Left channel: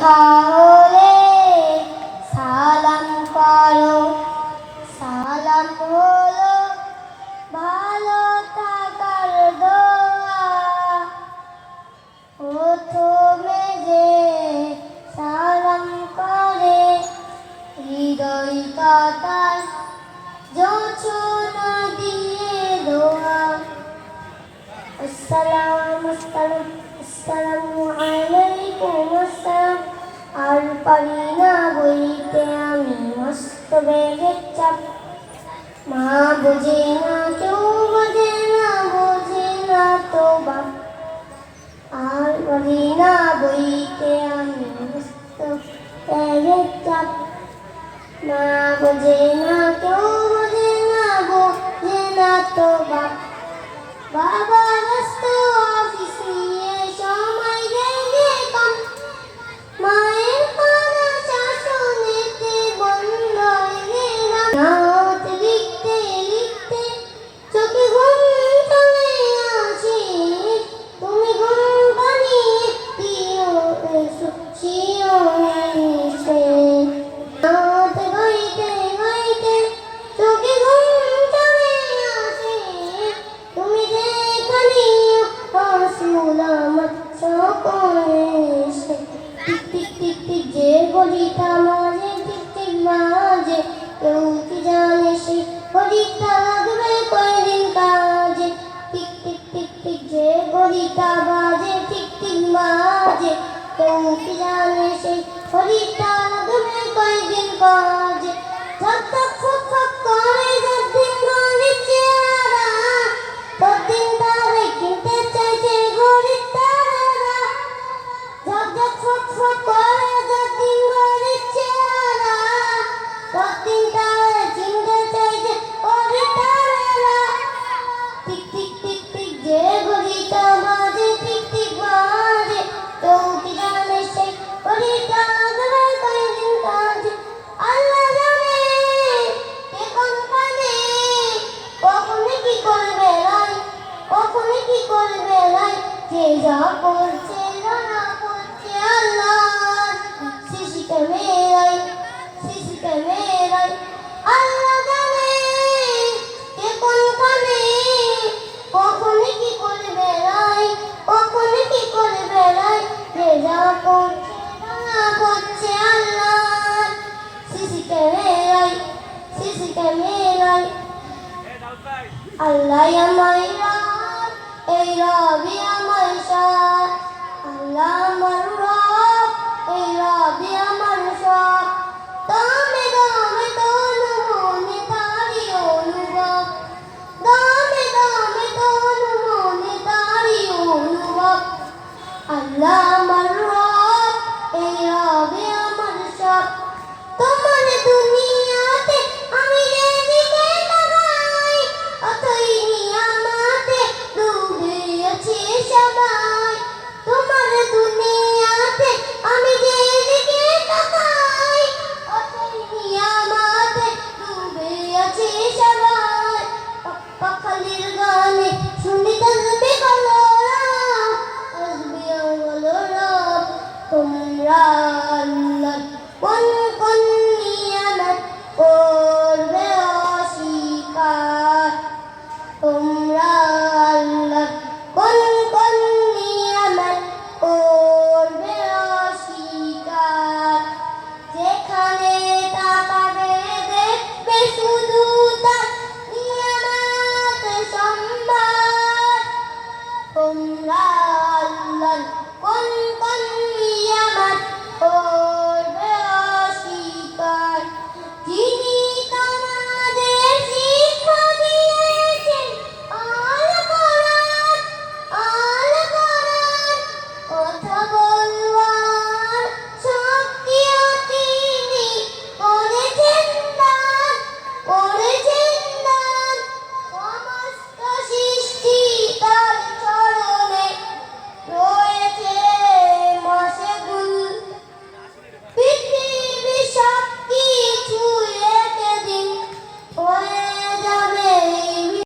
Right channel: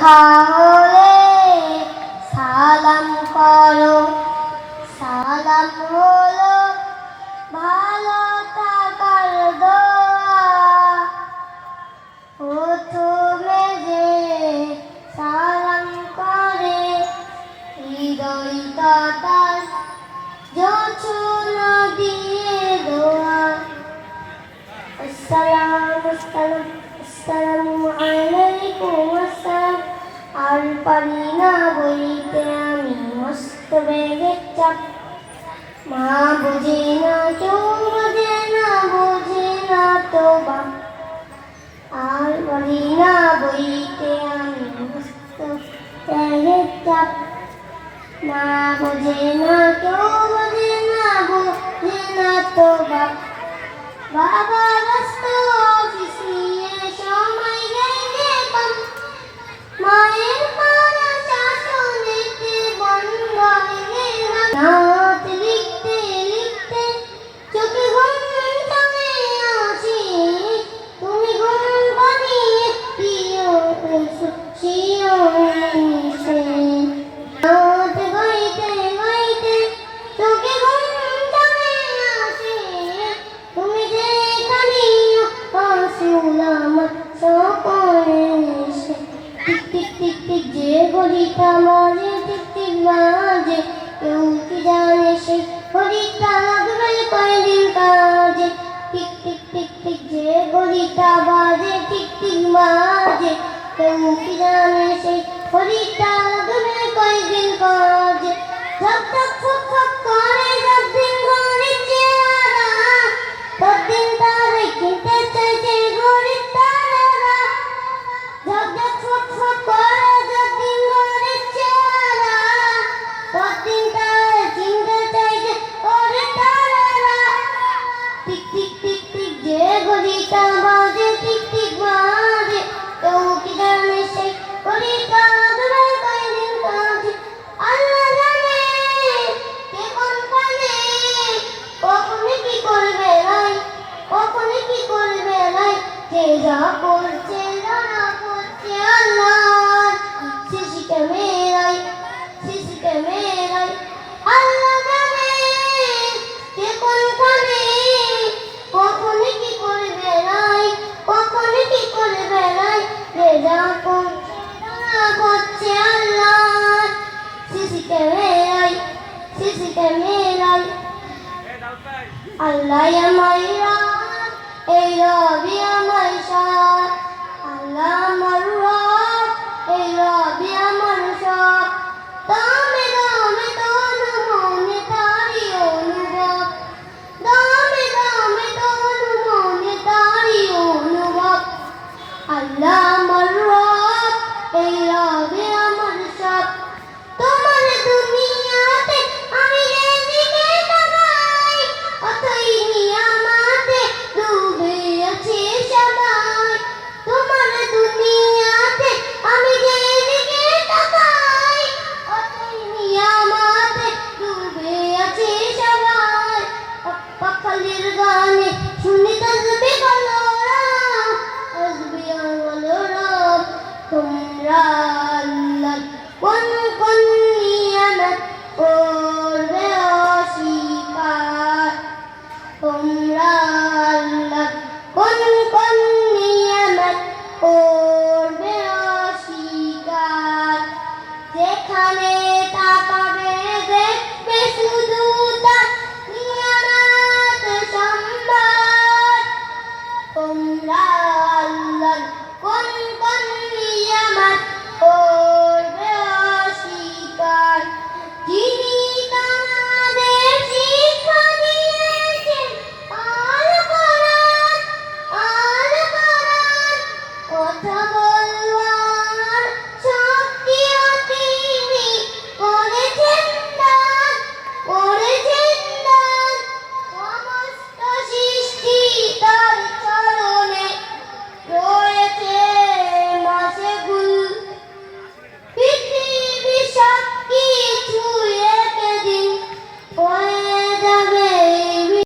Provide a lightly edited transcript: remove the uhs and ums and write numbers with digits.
দেখা হলে সালাম করো, সালাম হলো ভালো থাকার দোয়া। প্রথমে যে সালাম করে হৃদয়টা তার জোছনা দিয়ে দোয়া। আসসালামু আলাইকুম আসসালাম। আর পারি না বইতে আমি মস্ত বেগের চাপ। মা বোঝে না, কেউ বোঝে না, বোঝে না তো বাপ। আর পারি না বইতে আমি মস্ত বেগের চাপ। মা বোঝে না, কেউ বোঝে না, বোঝে না তো বাপ। বাবা ব্যস্ত অফিস নিয়ে সময় গেলে কম। মায়ের করা শাসনেতে বন্ধ হয়ে গেলাম। নাত লিখতে লিখতে চোখে ঘুম চলে আসে। তুমি ঘুম পাড়িয়ে দিও শিও এসে। নাত গাইতে গাইতে চোখে ঘুম চলে আসে। তুমি যেখানে আমার সকলে এসে। টিক টিক টিক টিক যে ঘড়িটা মাঝে টিক টিক বাজে, কেউ কি জানে সেই ঘড়িটা লাগবে কয়দিন কাজে। টিক টিক টিক টিক যে ঘড়িটা বাজে টিক টিক বাজে, কেউ কি জানে সেই ঘড়িটা লাগবে কয়দিন কাজে। ঝক ঝক ফুক ফুক করে যতদিন ঘড়ির চেহারা, ততদিন তারে কিনতে চাইছে ঘড়ির তারারা। ঝক ঝক ফুক ফুক করে যতদিন ঘড়ির চেহারা, ততদিন তারে কিনতে চাইছে ঘড়ির তারারা। টিক টিক টিক টিক যে ঘড়িটা বাজে টিক টিক বাজে, কেউ কি জানে সেই ঘড়িটা লাগবে কয়দিন কাজে। আল্লাহ জানে কে কোন পানে কখনো কি করবে নাই, কখনো কি করবে নাই। যে যা করছে ধরা করছে আল্লাহ শিশিকে মেরাই, শিশিকে মেরাই। আল্লাহ জানে কে কোন পানে কখনো কি করবে নাই, কখনো কি করবে নাই। যে যা করছে ধরা করছে আল্লাহ শিশিকে মেরাই, শিশিকে মেরাই। আল্লাহ আমার রব, এই রবি আমার সব। আল্লাহ আমার রব, এই রবি আমার সব। দামে দামে তনু মনে তারি অনুভব, দামে দামে তনু মনে তারি অনুভব। আল্লাহ আমার রব, এই রবি আমার সব। তোমার দুনিয়াতে আমি যেদিকে তাকাই, অথই নিয়ামতে ডুবে আছে সবাই। তোমার দুনিয়াতে আমি যেদিকে তাকাই, অথই নিয়ামতে ডুবে আছে সবাই। পাখালির গানে শুনি তসবিহ কলরব, তসবিহ কলরব। তোমরা আল্লাহর